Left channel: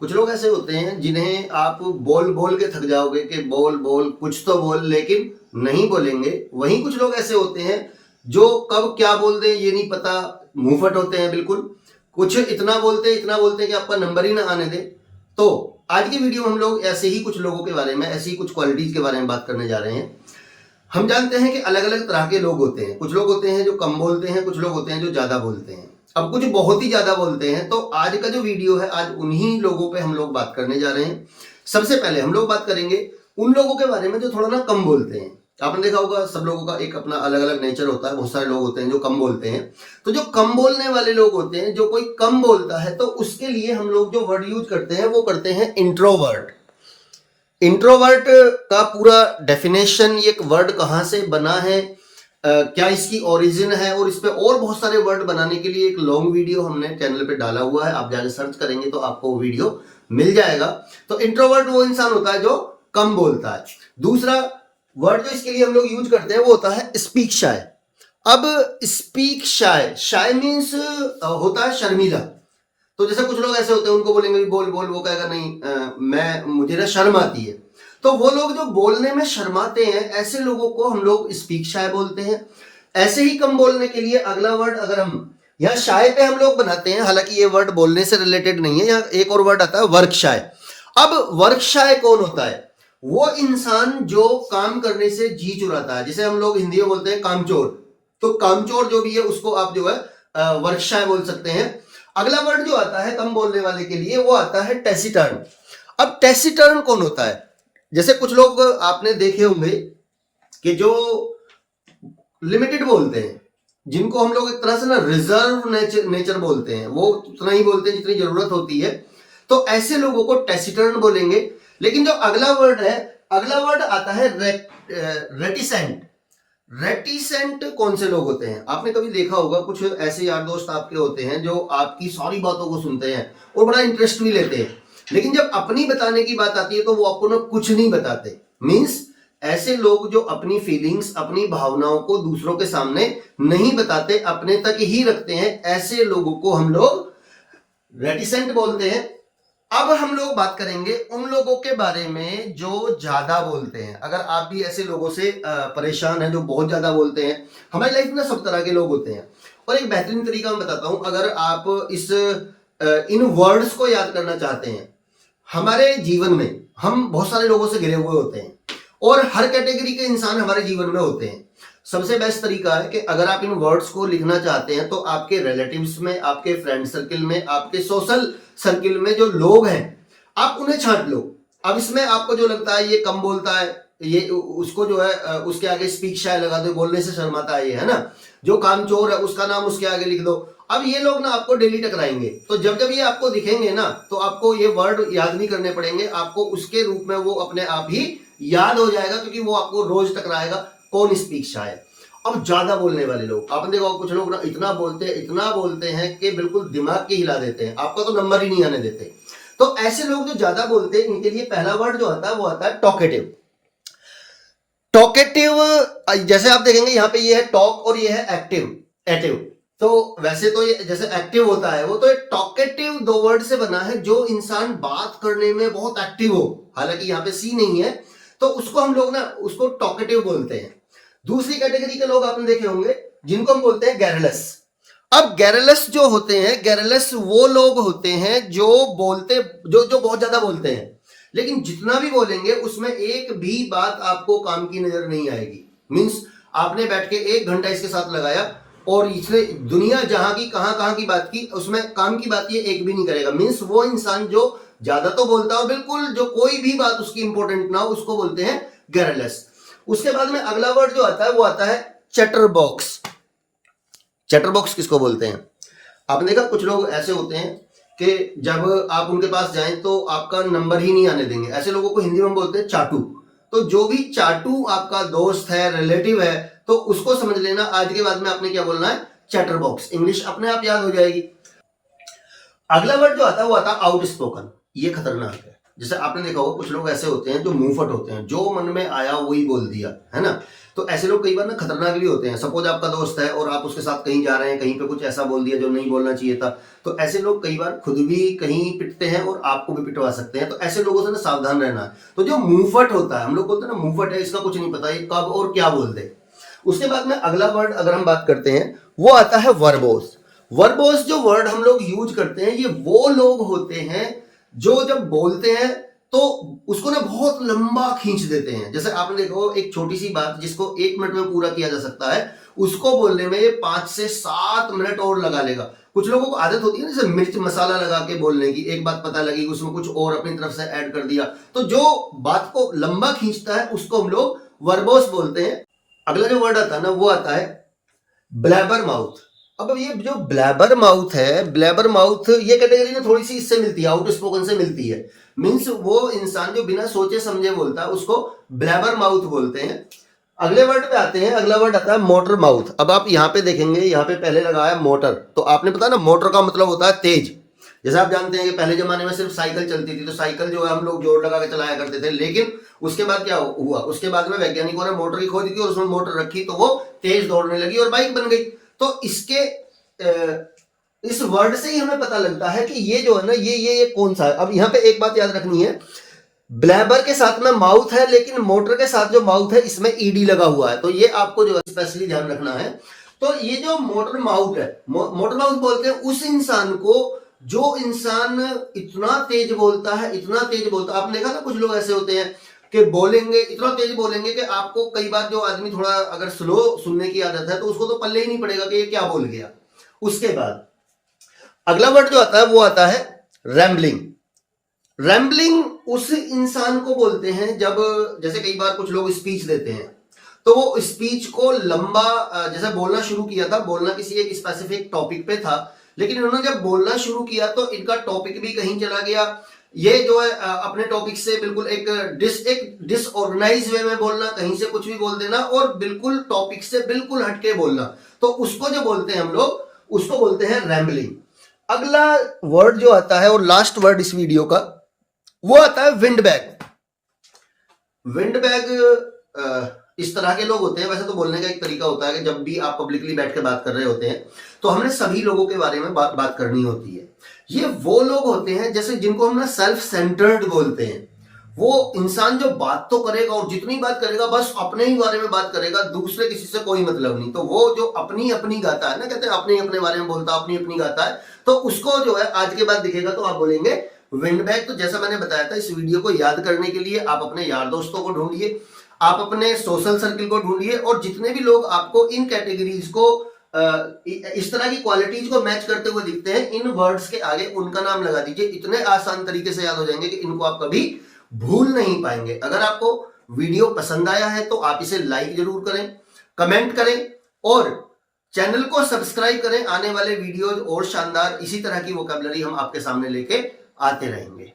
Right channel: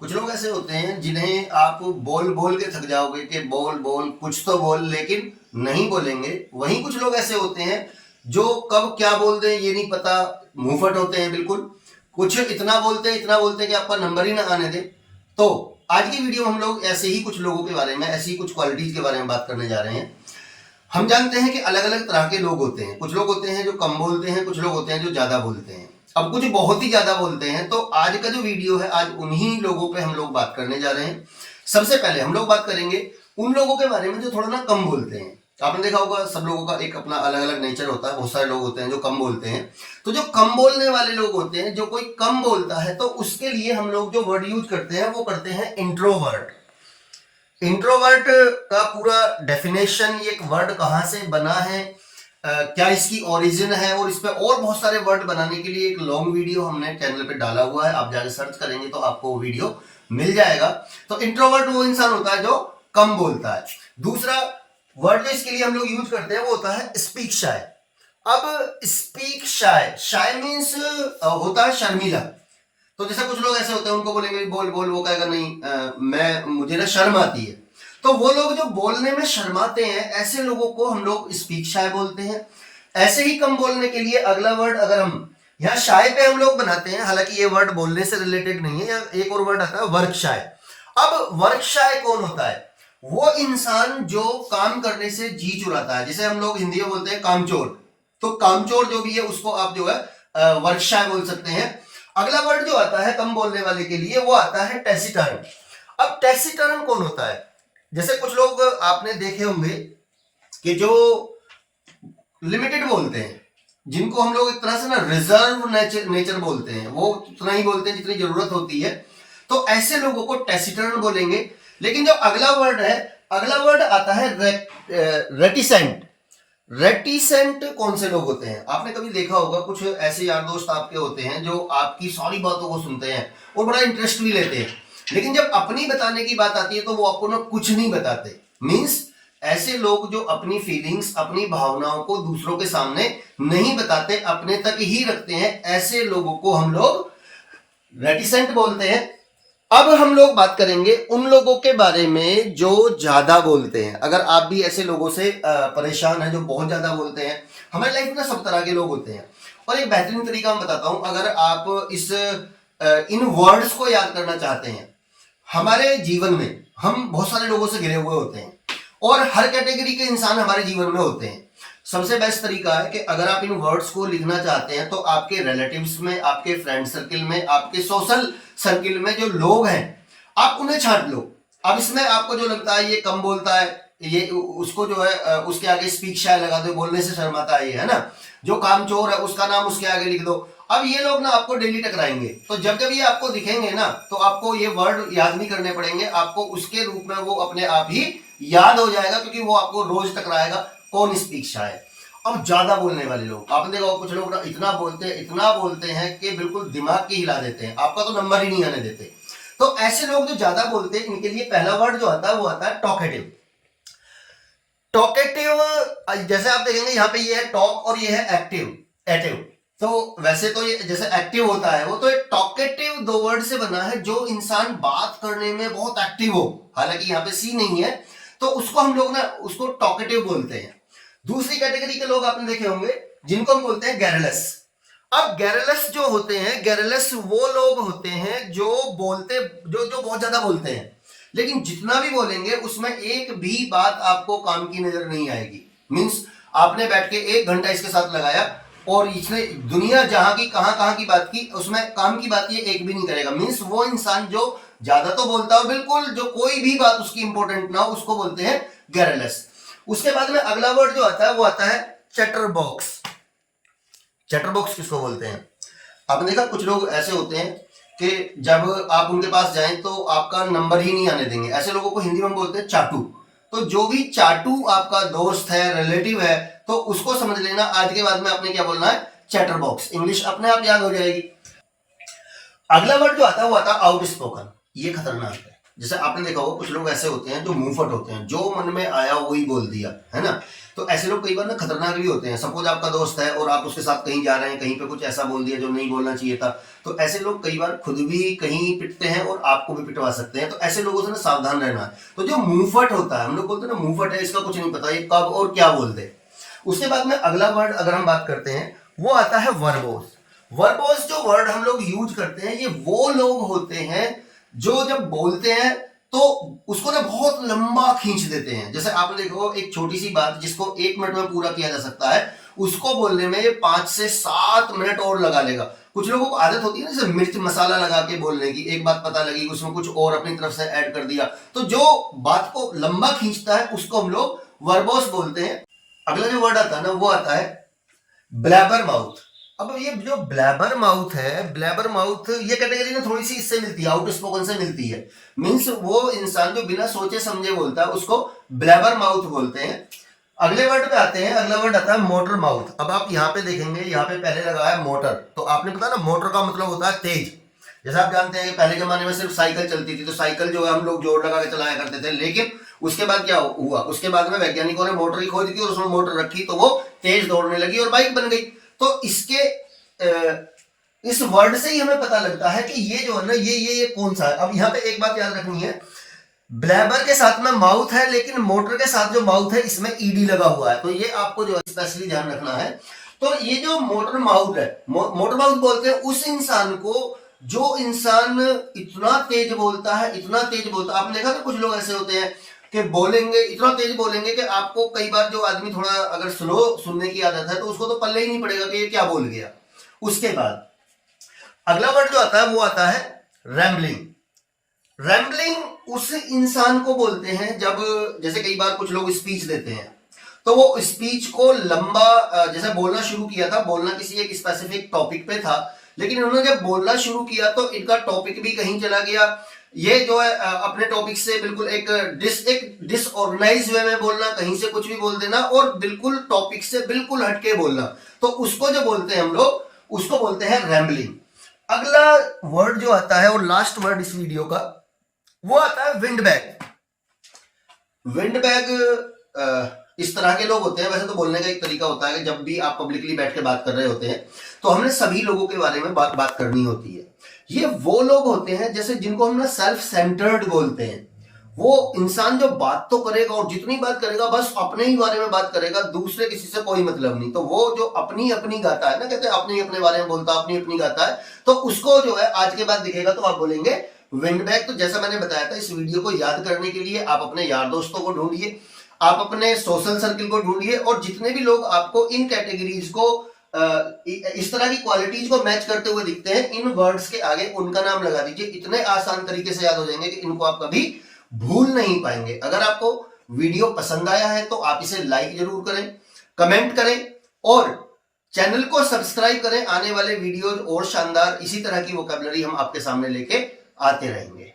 कुछ लोग ऐसे होते हैं जिन्हें आप बोल बोल के थक जाओगे कि बोल बोल कुछ तो बोल, लेकिन नहीं बोलेंगे। वहीं कुछ लोग ऐसे होते हैं जो कब क्या बोल दें ये नहीं पता, मुंहफट होते हैं बिल्कुल। कुछ इतना बोलते हैं कि आपका नंबर ही ना आने दें। तो आज की वीडियो में हम लोग ऐसे ही कुछ लोगों के बारे में, ऐसी कुछ क्वालिटीज के बारे में बात करने जा रहे हैं। हम जानते हैं कि अलग अलग तरह के लोग होते हैं। कुछ लोग होते हैं जो कम बोलते हैं, कुछ लोग होते हैं जो ज्यादा बोलते हैं। अब कुछ बहुत ही ज्यादा बोलते हैं। तो आज का जो वीडियो है, आज उन्हीं लोगों पे हम लोग बात करने जा रहे हैं। सबसे पहले हम लोग बात करेंगे उन लोगों के बारे में जो थोड़ा ना कम बोलते हैं। आपने देखा होगा सब लोगों का एक अपना अलग अलग नेचर होता है। बहुत सारे लोग होते हैं जो कम बोलते हैं। तो जो कम बोलने वाले लोग होते हैं, जो कोई कम बोलता है, तो उसके लिए हम लोग जो वर्ड यूज करते हैं वो करते हैं इंट्रोवर्ट। इंट्रोवर्ट का पूरा डेफिनेशन, ये एक वर्ड कहाँ से बना है, क्या इसकी ओरिजिन है, और इस पे और बहुत सारे वर्ड बनाने के लिए एक लॉन्ग वीडियो हमने चैनल पे डाला हुआ है। आप जाके सर्च करेंगे तो आपको वो वीडियो मिल जाएगा। तो इंट्रोवर्ट वो इंसान होता है जो कम बोलता है। दूसरा वर्ड जो इसके लिए हम लोग यूज करते हैं वो होता है स्पीक शाय। अब स्पीक शाय, शाय मीन्स होता है शर्मीला। तो जैसे कुछ लोग ऐसे होते हैं, उनको बोलेंगे बोल बोल, वो कहेगा नहीं मुझे ना शर्म आती है। तो वो लोग जो बोलने में शर्माते हैं, ऐसे लोगों को हम लोग स्पीक शाय बोलते हैं। ऐसे ही कम बोलने के लिए अगला वर्ड अगर हम यहाँ शाय पे हम लोग बनाते हैं, हालांकि ये वर्ड बोलने से रिलेटेड नहीं है। यहाँ एक और वर्ड आता है वर्क शाय। अब वर्क शाय कौन होता है? वो इंसान जो काम करने से जी चुराता है। जैसे हम लोग हिंदी में बोलते हैं कामचोर। तो कामचोर जो भी है उसको आप जो है वर्क शाय बोल सकते हैं। अगला वर्ड जो आता है कम बोलने वाले के लिए वो आता है टेसिटर्न। अब टेसिटर्न कौन होता है? जैसे कुछ लोग आपने देखे होंगे कि जो लिमिटेड बोलते हैं, जिनको हम लोग एक तरह से ना रिजर्व नेचर बोलते हैं, वो उतना ही बोलते हैं जितनी जरूरत होती है। तो ऐसे लोगों को टेसिटर्न बोलेंगे। लेकिन जो अगला वर्ड है, अगला वर्ड आता है रेटिसेंट। रेटिसेंट कौन से लोग होते हैं? आपने कभी देखा होगा कुछ ऐसे यार दोस्त आपके होते हैं जो आपकी सारी बातों को सुनते हैं और बड़ा इंटरेस्ट भी लेते हैं, लेकिन जब अपनी बताने की बात आती है तो वो आपको ना कुछ नहीं बताते। मीन्स ऐसे लोग जो अपनी फीलिंग्स, अपनी भावनाओं को दूसरों के सामने नहीं बताते, अपने तक ही रखते हैं, ऐसे लोगों को हम लोग रेटिसेंट बोलते हैं। अब हम लोग बात करेंगे उन लोगों के बारे में जो ज्यादा बोलते हैं। अगर आप भी ऐसे लोगों से परेशान हैं जो बहुत ज्यादा बोलते हैं, हमारी लाइफ में ना सब तरह के लोग होते हैं। और एक बेहतरीन तरीका मैं बताता हूं, अगर आप इन वर्ड्स को याद करना चाहते हैं। हमारे जीवन में हम बहुत सारे लोगों से घिरे हुए होते हैं और हर कैटेगरी के इंसान हमारे जीवन में होते हैं। सबसे बेस्ट तरीका है कि अगर आप इन वर्ड्स को लिखना चाहते हैं तो आपके रिलेटिव्स में, आपके फ्रेंड सर्किल में, आपके सोशल सर्किल में जो लोग हैं, आप उन्हें छांट लो। अब इसमें आपको जो लगता है ये कम बोलता है, ये उसको जो है उसके आगे स्पीक शाय लगा दो, बोलने से शर्माता है ये, है ना। जो कामचोर है उसका नाम उसके आगे लिख दो। अब ये लोग ना आपको डेली टकराएंगे। तो जब जब ये आपको दिखेंगे ना, तो आपको ये वर्ड याद नहीं करने पड़ेंगे, आपको उसके रूप में वो अपने आप ही याद हो जाएगा, क्योंकि वो आपको रोज टकराएगा। कौन स्पीक शाय? अब ज्यादा बोलने वाले लोग, आपने देखा कुछ लोग ना इतना बोलते हैं कि बिल्कुल दिमाग के हिला देते हैं, आपका तो नंबर ही नहीं आने देते। तो ऐसे लोग जो ज्यादा बोलते हैं, इनके लिए पहला वर्ड जो आता है वो आता है टॉकेटिव। टॉकेटिव, जैसे आप देखेंगे यहाँ पे ये है टॉक और ये है एक्टिव एटिव। तो वैसे तो ये जैसे एक्टिव होता है वो, तो टॉकेटिव दो वर्ड से बना है। जो इंसान बात करने में बहुत एक्टिव हो, हालांकि यहाँ पे सी नहीं है, तो उसको हम लोग ना उसको टॉकेटिव बोलते हैं। दूसरी कैटेगरी के लोग आपने देखे होंगे जिनको हम बोलते हैं गैरलेस। अब गैरलेस जो होते हैं, गैरलेस वो लोग होते हैं जो बोलते जो बहुत ज्यादा बोलते हैं, लेकिन जितना भी बोलेंगे उसमें एक भी बात आपको काम की नजर नहीं आएगी। मीन्स आपने बैठ के 1 घंटा इसके साथ लगाया और इसने दुनिया जहां की कहां की बात की, उसमें काम की बात ये एक भी नहीं करेगा। मीन्स वो इंसान जो ज्यादा तो बोलता है और बिल्कुल जो कोई भी बात उसकी इंपॉर्टेंट ना हो, उसको बोलते हैं गैरलेस। उसके बाद में अगला वर्ड जो आता है वो आता है चैटर बॉक्स। चैटर बॉक्स किसको बोलते हैं? आपने देखा कुछ लोग ऐसे होते हैं कि जब आप उनके पास जाएं तो आपका नंबर ही नहीं आने देंगे। ऐसे लोगों को हिंदी में बोलते हैं चाटू। तो जो भी चाटू आपका दोस्त है, रिलेटिव है, तो उसको समझ लेना आज के बाद में आपने क्या बोलना है, चैटर बॉक्स। इंग्लिश अपने आप याद हो जाएगी। अगला वर्ड जो आता है वो आता है आउटस्पोकन। ये खतरनाक है। जैसे आपने देखा होगा कुछ लोग ऐसे होते हैं जो मुंहफट होते हैं, जो मन में आया वही बोल दिया, है ना। तो ऐसे लोग कई बार ना खतरनाक भी होते हैं। सपोज आपका दोस्त है और आप उसके साथ कहीं जा रहे हैं, कहीं पे कुछ ऐसा बोल दिया जो नहीं बोलना चाहिए था, तो ऐसे लोग कई बार खुद भी कहीं पिटते हैं और आपको भी पिटवा सकते हैं। तो ऐसे लोगों से ना सावधान रहना है। तो जो मुंहफट होता है, हम लोग बोलते हैं ना मुंहफट है, इसका कुछ नहीं पता ये कब और क्या बोल दे। उसके बाद में अगला वर्ड अगर हम बात करते हैं वो आता है वर्बोस। वर्बोस जो वर्ड हम लोग यूज करते हैं, ये वो लोग होते हैं जो जब बोलते हैं तो उसको ना बहुत लंबा खींच देते हैं। जैसे आपने देखो एक छोटी सी बात जिसको 1 मिनट में पूरा किया जा सकता है, उसको बोलने में ये 5 से 7 मिनट और लगा लेगा। कुछ लोगों को आदत होती है ना, जैसे मिर्च मसाला लगा के बोलने की, एक बात पता लगी उसमें कुछ और अपनी तरफ से ऐड कर दिया, तो जो बात को लंबा खींचता है उसको हम लोग वर्बोस बोलते हैं। अगला जो वर्ड आता है ना वो आता है ब्लैबर माउथ। अब ये जो ब्लैबर माउथ है, ब्लैबर माउथ ये कैटेगरी ना थोड़ी सी इससे मिलती है, आउट स्पोकन से मिलती है। मीन्स वो इंसान जो बिना सोचे समझे बोलता है उसको ब्लैबर माउथ बोलते हैं। अगले वर्ड पे आते हैं, अगला वर्ड आता है मोटर माउथ। अब आप यहाँ पे देखेंगे, यहाँ पे पहले लगा है मोटर, तो आपने पता ना मोटर का मतलब होता है तेज। जैसे आप जानते हैं कि पहले जमाने में सिर्फ साइकिल चलती थी, तो साइकिल जो है हम लोग जोड़ लगा के चलाया करते थे, लेकिन उसके बाद क्या हुआ, उसके बाद में वैज्ञानिकों ने मोटर की खोज की और उसमें मोटर रखी तो वो तेज दौड़ने लगी और बाइक बन गई। तो इसके इस वर्ड से ही हमें पता लगता है कि ये जो है ना ये कौन सा है। अब यहाँ पे एक बात याद रखनी है, ब्लैबर के साथ में माउथ है, लेकिन मोटर के साथ जो माउथ है इसमें ईडी लगा हुआ है, तो ये आपको जो स्पेशली ध्यान रखना है। तो ये जो मोटर माउथ है, मोटर माउथ बोलते हैं उस इंसान को जो इंसान इतना तेज बोलता है, इतना तेज बोलता है। आपने देखा ना कुछ लोग ऐसे होते हैं कि बोलेंगे, इतना तेज बोलेंगे कि आपको कई बार जो आदमी थोड़ा अगर स्लो सुनने की आदत है तो उसको तो पल्ले ही नहीं पड़ेगा कि ये क्या बोल गया। उसके बाद अगला वर्ड जो आता है वो आता है रैम्बलिंग। रैम्बलिंग उस इंसान को बोलते हैं जब, जैसे कई बार कुछ लोग स्पीच देते हैं तो वो स्पीच को लंबा, जैसे बोलना शुरू किया था, बोलना किसी एक स्पेसिफिक टॉपिक पे था, लेकिन इन्होंने जब बोलना शुरू किया तो इनका टॉपिक भी कहीं चला गया। ये जो है अपने टॉपिक से बिल्कुल एक डिसऑर्गेनाइज वे में बोलना, कहीं से कुछ भी बोल देना और बिल्कुल टॉपिक से बिल्कुल हटके बोलना, तो उसको जो बोलते हैं हम लोग उसको बोलते हैं रैम्बलिंग। अगला वर्ड जो आता है और लास्ट वर्ड इस वीडियो का वो आता है विंड बैग। विंड बैग इस तरह के लोग होते हैं, वैसे तो बोलने का एक तरीका होता है कि जब भी आप पब्लिकली बैठ के बात कर रहे होते हैं तो हमने सभी लोगों के बारे में बात करनी होती है। ये वो लोग होते हैं जैसे जिनको हम ना सेल्फ सेंटर्ड बोलते हैं। वो इंसान जो बात तो करेगा और जितनी बात करेगा बस अपने ही बारे में बात करेगा, दूसरे किसी से कोई मतलब नहीं। तो वो जो अपनी अपनी गाता है ना, कहते हैं अपने ही अपने बारे में बोलता, अपनी अपनी गाता है, तो उसको जो है आज के बाद दिखेगा तो आप बोलेंगे विंड बैग। तो जैसा मैंने बताया था, इस वीडियो को याद करने के लिए आप अपने यार दोस्तों को ढूंढिए, आप अपने सोशल सर्किल को ढूंढिए और जितने भी लोग आपको इन कैटेगरीज को इस तरह की क्वालिटीज को मैच करते हुए दिखते हैं, इन वर्ड्स के आगे उनका नाम लगा दीजिए। इतने आसान तरीके से याद हो जाएंगे कि इनको आप कभी भूल नहीं पाएंगे। अगर आपको वीडियो पसंद आया है तो आप इसे लाइक जरूर करें, कमेंट करें और चैनल को सब्सक्राइब करें। आने वाले वीडियोज और शानदार इसी तरह की वोकैबुलरी हम आपके सामने लेके आते रहेंगे।